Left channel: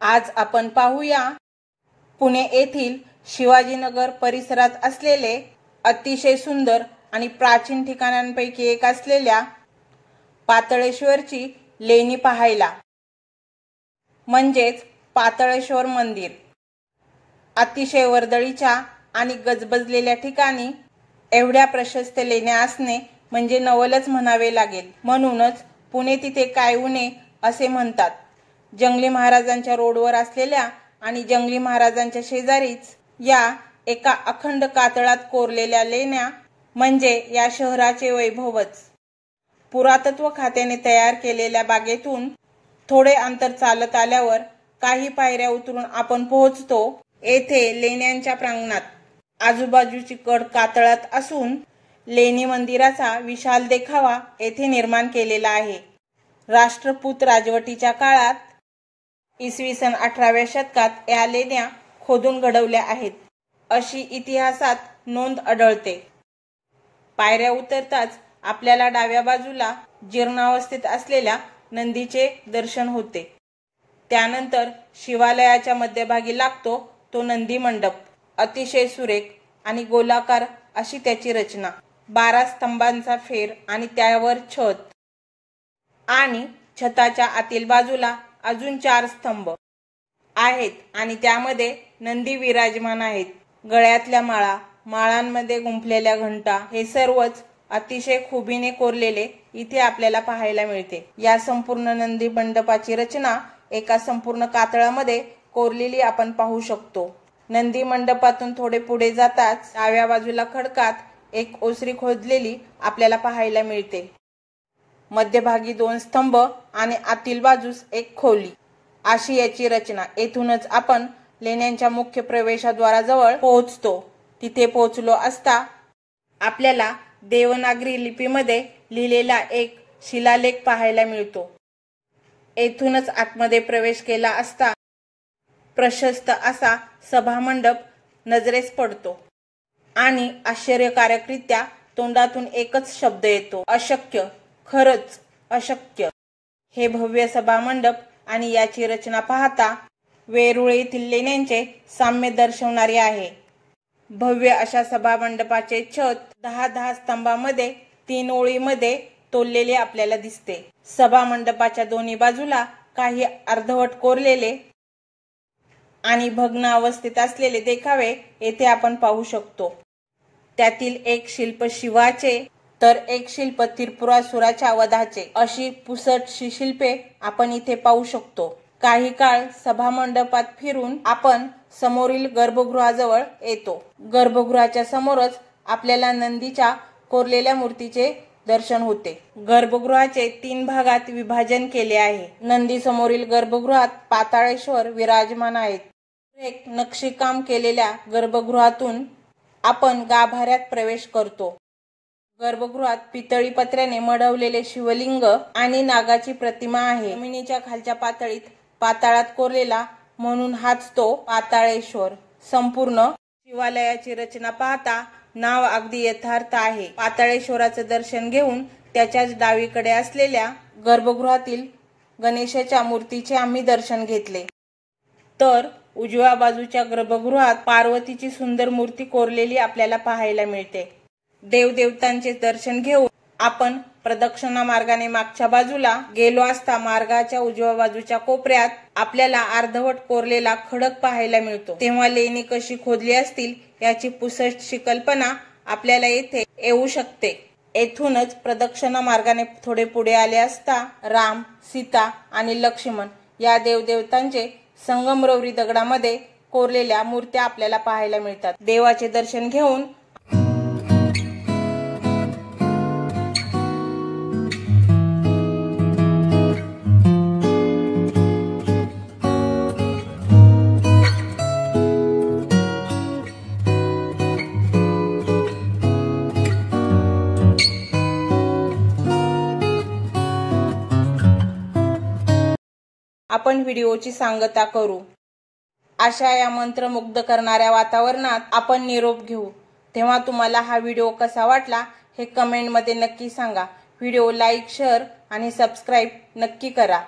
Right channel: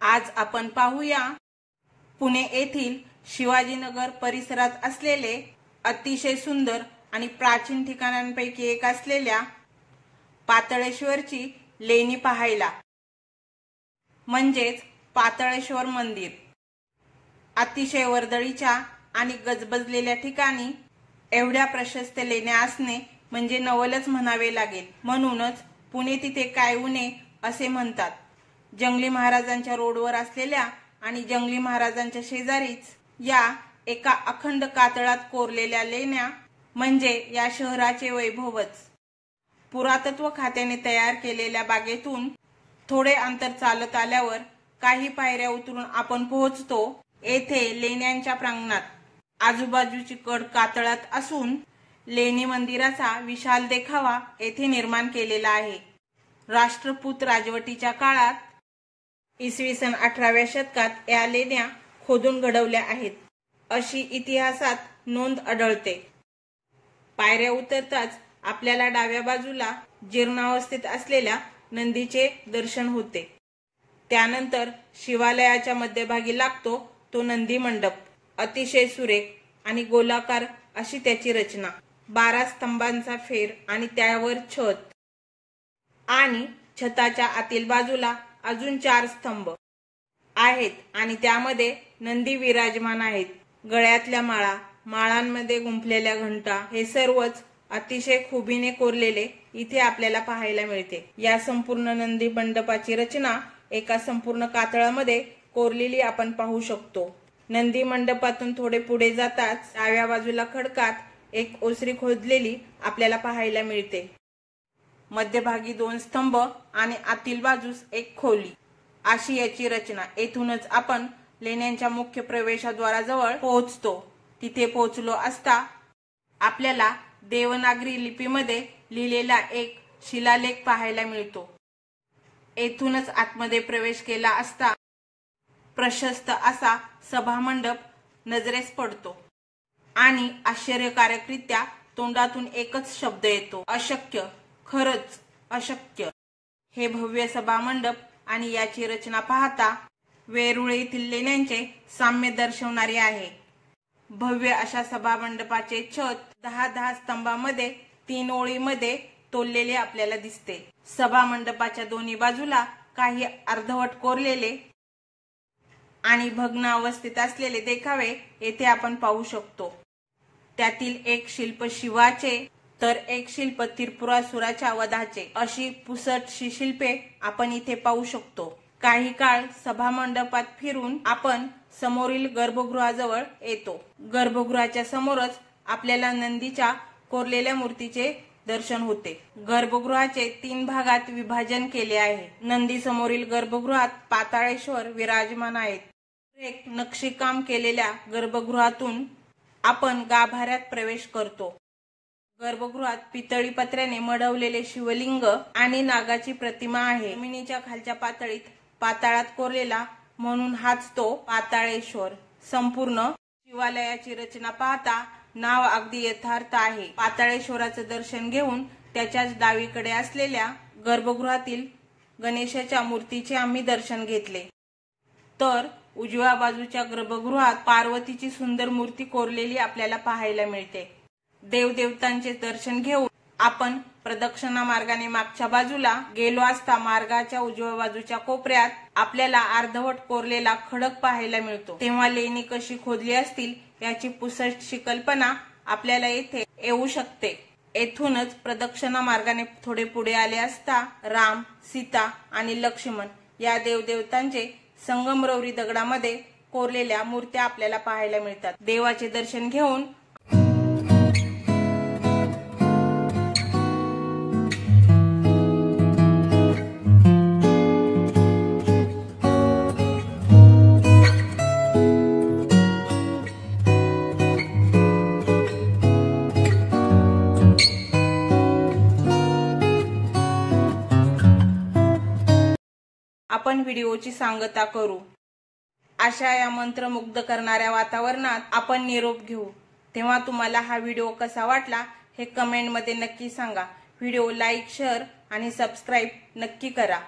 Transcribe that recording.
आज आपण पाहूया पुणे येथील शिवाजीनगर परिसरात असलेले अतिशय सुंदर आणि प्राचीन ठिकाणांपैकी एक असलेल्या पाताळेश्वरची लेणी पाहायला, म्हणजेच पाताळेश्वर मंदिर। अतिशय वर्दळीच्या आणि गजबजलेल्या ठिकाणी एवढ्या प्रशस्त लेण्या असणे म्हणजे नवलच म्हणावे लागेल। म्हणूनच पुणे तिथे काय उणे असे म्हणतात। जंगली महाराजांच्या रोडवर असलेल्या आणि जंगली महाराजांच्या शेजारीच या एका अखंड कातळात कोरलेल्या लेण्या म्हणजे या शहराचे वैभवच। पुरातत्व खात्याने तयार केलेल्या बागेतून थोडे अंतर चालत आल्यावर काही पायऱ्या उतरून आपण पोहोचतो येथे लेण्यांच्या प्रांगणात। आजूबाजूची कड कातळात असून लेणी मंदिराचा विशाल देखावा येथे निर्माण केलेला आहे। राष्ट्रपूत राजवटीच्या काळात इसवी सन 18व्या शतकात या लेण्या खोदून घडवल्या आहेत अशी इतिहासात नोंद आढळते। पायऱ्या उतरताच आपल्याला डाव्या बाजूला जीर्णावस्थेत असलेल्या नंदीचे दर्शन होते। त्यानंतर शिवालयाच्या मध्यभागी लागतो तो नंदी मंडप। अतिशय सुरेख आणि गोलाकार अशी त्याची रचना। 12 स्तंभांचा फेर आणि त्यावर छत आणि छताच्या आतील बाजूला अजून 4 स्तंभ आहेत आणि त्यामध्ये नंदी विराजमान आहेत। गळ्यातल्या माळा, माळांमध्ये गुंफलेल्या घंटा हे सर्वच अतिशय खुबीने कोरलेले इथे आपल्याला पाहायला मिळते। या संपूर्ण नंदी मंडपाची रचना एका संपूर्ण कातळामध्ये कोरलेली आपण पाहू शकतो। नंदी मंडपातून थोडे पुढे जाताच डाव्या बाजूला खडकात एक ओसरी खोदलेली आपल्याला पाहायला मिळते। मध्यभागी 2 स्तंभ आणि आतील बाजूस एक खोली अशी याची रचना। येथूनच आपण लेण्यांच्या मुख्य प्रवेशद्वाराजवळ पोहोचतो। तिथे पोहोचलो असता आपल्याला देवनागरी लिपीमध्ये लिहिलेला एक शिलालेख पाहायला मिळतो। येथूनच आतमध्ये प्रवेश केला असता प्रशस्त असा सभामंडप नजरेस पडतो आणि आश्चर्यकारकरित्या तोंडातून एकच शब्द येतो, अशक्य, खरच अशक्य। हे भव्य सभामंडप आणि याची रचना पाहता वेरूळ येथील लेण्यांचे साम्य दर्शवणारी आहे। भव्य अशा सभामंडपाचे छत 10-10 स्तंभांमध्ये 3 ओळीमध्ये तोललेले आपल्याला दिसते। सभामंडपाच्या दोन्ही बाजूला काही अर्धवट कोरलेले आणि भग्न अवस्थेत असलेले देखावे येथे आपण पाहू शकतो। त्यातील एक शिल्प शिवाचे तर एक शिल्प त्रिपुरासुराच्या वधाचे अशी पुसटशी शिल्पे आपण इथे पाहू शकतो। काही काळ सभामंडपात फिरून आपण समोरील गर्भगृहाजवळ येतो। गर्भगृहाच्या समोरच आपल्याला नंदीच्या कोरलेल्या मूर्तीचे दर्शन होते। गर्भगृहाचे 3 भागात विभाजन केले आहे। नंदी समोरील गर्भगृहात पाताळेश्वर विराजमान आहेत। एक नक्षीकाम केलेल्या गर्भगृहातून आपण गाभाऱ्यात प्रवेश करतो। गर्भगृहात पितळी पत्र्याने मढवलेले शिवलिंग आणि नागाची प्रतिमा आहे। जमिनीच्या खालच्या पातळीत पाताळात कोरलेला म्हणून हाच तो पाताळेश्वर। संपूर्ण शिवालयाची रचना पाहता नाव अगदी यथार्थ आहे। पाताळेश्वराचे दर्शन घेऊन त्याच्याच डावीकडे असलेल्या गर्भगृहातील गणेशाच्या मूर्तीचे आम्ही दर्शन घेतले, तर उजव्या बाजूच्या गर्भगृहात पार्वतीची सुंदर मूर्ती कोरलेली आपल्याला पाहायला मिळते। देवदेवतांचे दर्शन घेऊन आपण प्रदक्षिणा मार्गाने मागच्या बाजूला गेलो असता मार्गाच्या उजव्या बाजूच्या कोपऱ्यात आपल्याला अर्धवट कोरलेला खडक पाहायला मिळतो। तेव्हा लेणी कशी खोदली असतील याची पुसटशी कल्पना आपल्याला येथे येऊ शकते। येथूनच प्रदक्षिणा मार्गाने थोडे पुढे आले असता राम, सीता आणि लक्ष्मण या देवदेवतांचे संगमरवरी दगडामध्ये कोरलेल्या मूर्त्या आपल्याला पाहायला मिळतात। देवाचे दर्शन घेऊन आपण व्हिडिओची सांगता करू। अशा या मंत्रमुग्ध करणाऱ्या वातावरणात आपण निरोप घेऊ। तेव्हा तुम्हाला हा व्हिडिओ कसा वाटला हे कमेंट मध्ये नक्की सांगा। व्हिडिओ लाईक, शेअर आणि सबस्क्राइब नक्की करा।